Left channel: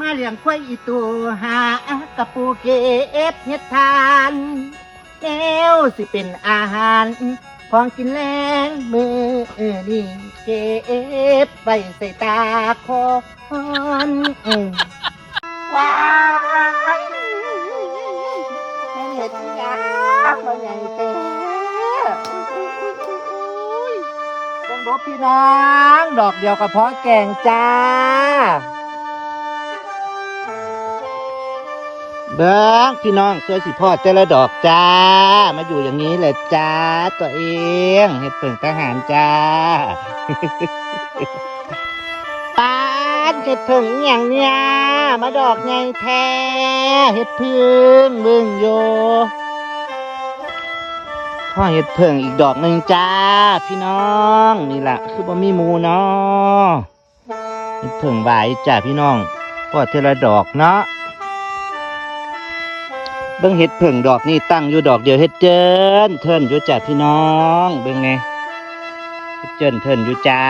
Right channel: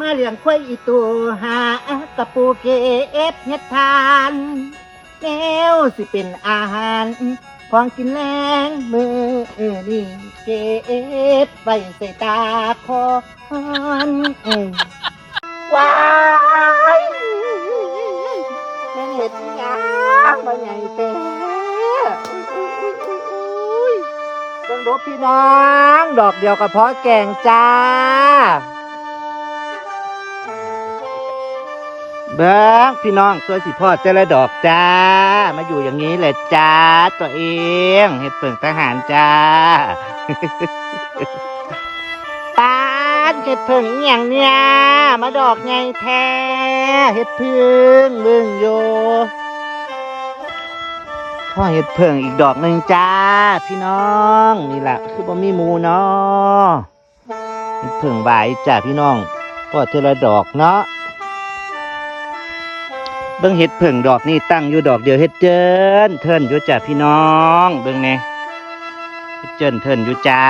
มาเลี้ยงควายอีตัวหากระปูเก็บเฮ็ดทานแก้วสิเป็นอาหารของกินแรงมือนี่เก็บไปใส่ตาคอว้ายเห็ดยากมาใหญ่เต้ดูพี่น้อง ดอกเดียวกับเพาะแกงจ้า เบ้งพี่น้องช่วยสิพ่อเจละดอกจ้า มาอยู่อย่างนี้เลยจ้า ตัวเองเห็ดเปิ่งทหารจ้าปานเห็ดเผิงอย่างเนี้ยมาดอกไงแท้เห็ดเพึ่งมึงอยู่พ่อเห็ดเผิงอีกดอกหนึ่งจ้า พี่น้องนี่แหละคือบ่มีมูเนาะเห็ดเผิงใบจ้าพี่น้องพ่อเจละดอกเนาะ เบิ่งเห็ดเผิงดอกนี่ตั้งอยู่ดอกเดียวเห็ดเจินเทินอยู่จ้าพี่น้อง เบิ่งไงเฮ็ดเจินเทินอยู่จ้า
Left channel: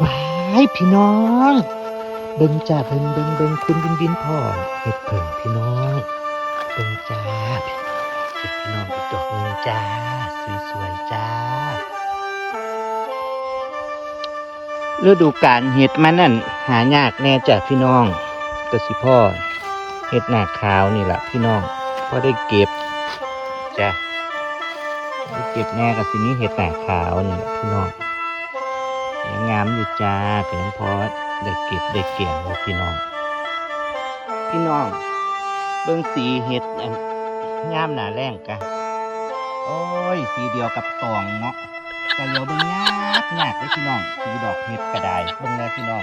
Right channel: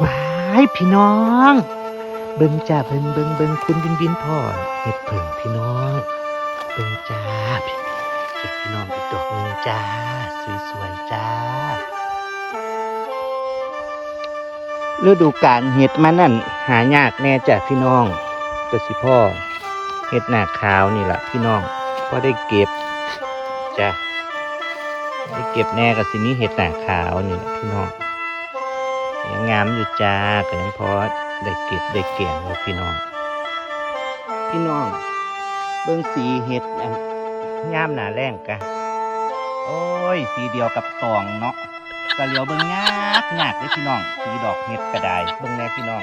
ว้ายพี่น้อง เบิ่งจ้าเบิ่งเบิ่งเบิ่งคุณบินบินพ่อเห็ดเผิงพี่น้องเบิ่งจ้าพี่น้องเห็ดพี่น้องอีกดอกหนึงจ้าสวยๆจ้าฤดูกาลเห็ดมันนั่นหายากแน่จ้าพี่น้องแต่สิพ่อ เห็ดหน้าขาวนี่แหละพี่น้องก็ได้เก็บจ้ะได้เก็บแน่กับสินี้เห็ดหน้าขาวนี่แหละพี่น้องยังงามอยู่จ้าก็ยังพอได้เก็บได้เก่งเลยพี่น้อง พี่น้องเบิ่งสีเห็ดอันงามหนาแรงกันโอ้ยสีเดียวกับตองเนาะก็เหลียวเบิ่งยากยากเลยพี่น้องสีดอกเห็ดกระไดเบิ่งแน่พี่น้อง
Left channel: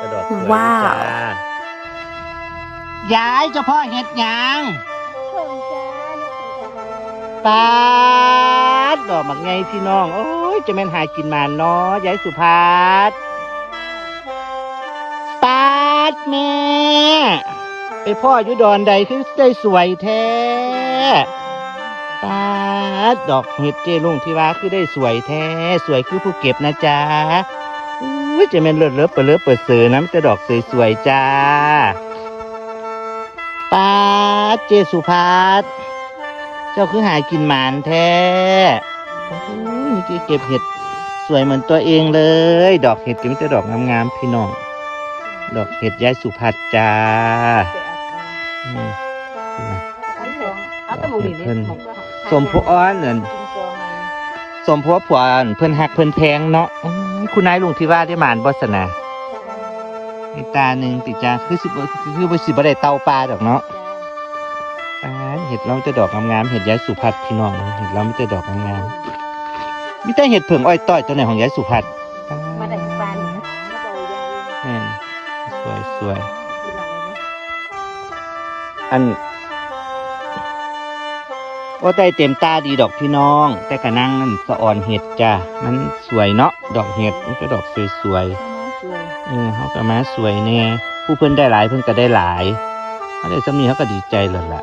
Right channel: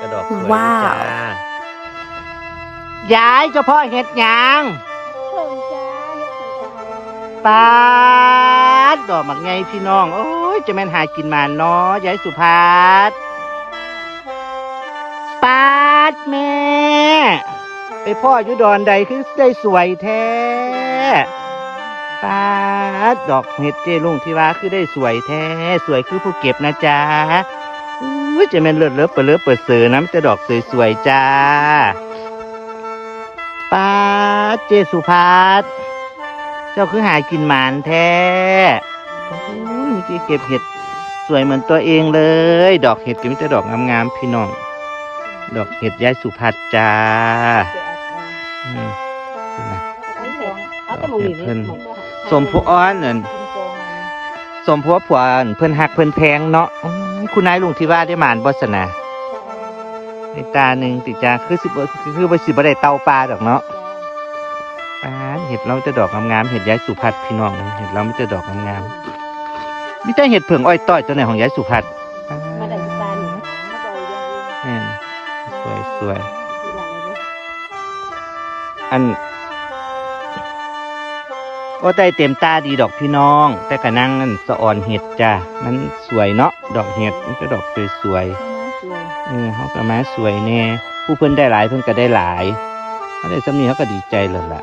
กระดอกสวยว้าวจ้ ยายเฉพาะเห็ดหยางปาดดอกมักไงพี่น้องโอ้ยจะแม่นหากินมานเนาะยายสุภาพปาดแม่ไอพ่ออยู่ดอนใดคือได้สวยแท้ปาดดอกเห็ดเจลุงที่ว่าคือได้สวยแท้ สวยคือผู้เก็บนะจ๊ะอุ้ยจะแม่นเลิศเลิศเปิดเลิศเปิดเสือน้ำจะดอกสวยๆจ้า ป้าเจสุภาพเจ้าคือหายกินหมานแท้อื้อนี่เก็บเห็ดสวยเหมือนตัวเองเลย ดอกเห็ดก็มีแต่ดอกงามๆพี่น้อง ดอกเห็ดยายสุภัทรจ้าเห็ดเพิ่นสมผู้อ้อนนั่นสมผู้ผวนเพิ่นหักเพิ่นแพงเนาะคุณนายลุงที่ว่าได้หมานบสนา ในตาหนึ่งติจ้าคือสิบคือว่าสิบได้เตาปลาดอกเนาะอ่าเห็ดเราจะดอกงามๆเห็ดย้ายสุพัดพี่น้องเห็ดเราไม่จะดอกงามๆมีแต่เห็ดเผิงอ้อยต้อยตัวไหนของย้ายสุพัดอืมสวยอันว่าได้เต็มตาดีดอกพี่น้อง แต่กระนั่งนั่นสะอ่อนเห็ดจ้ามันสวยเนาะดอกเห็ดมันจะดอกสวยๆ อืมเขาก็มาสวยเนี่ยผู้เพิ่นได้หลายเพิ่นก็ได้หลายเขาได้สำนีเขาก็ดีใจเลยล่ะ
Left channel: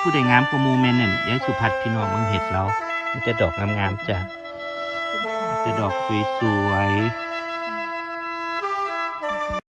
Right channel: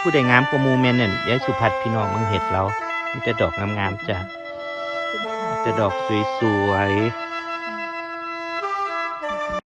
ผู้ใดงามกว่ามูแมนเนี่ยยายสุพัฒน์พี่น้องมังเห็ดเรามันจะดอกงามๆจ้ะมันจะดอกสวยๆ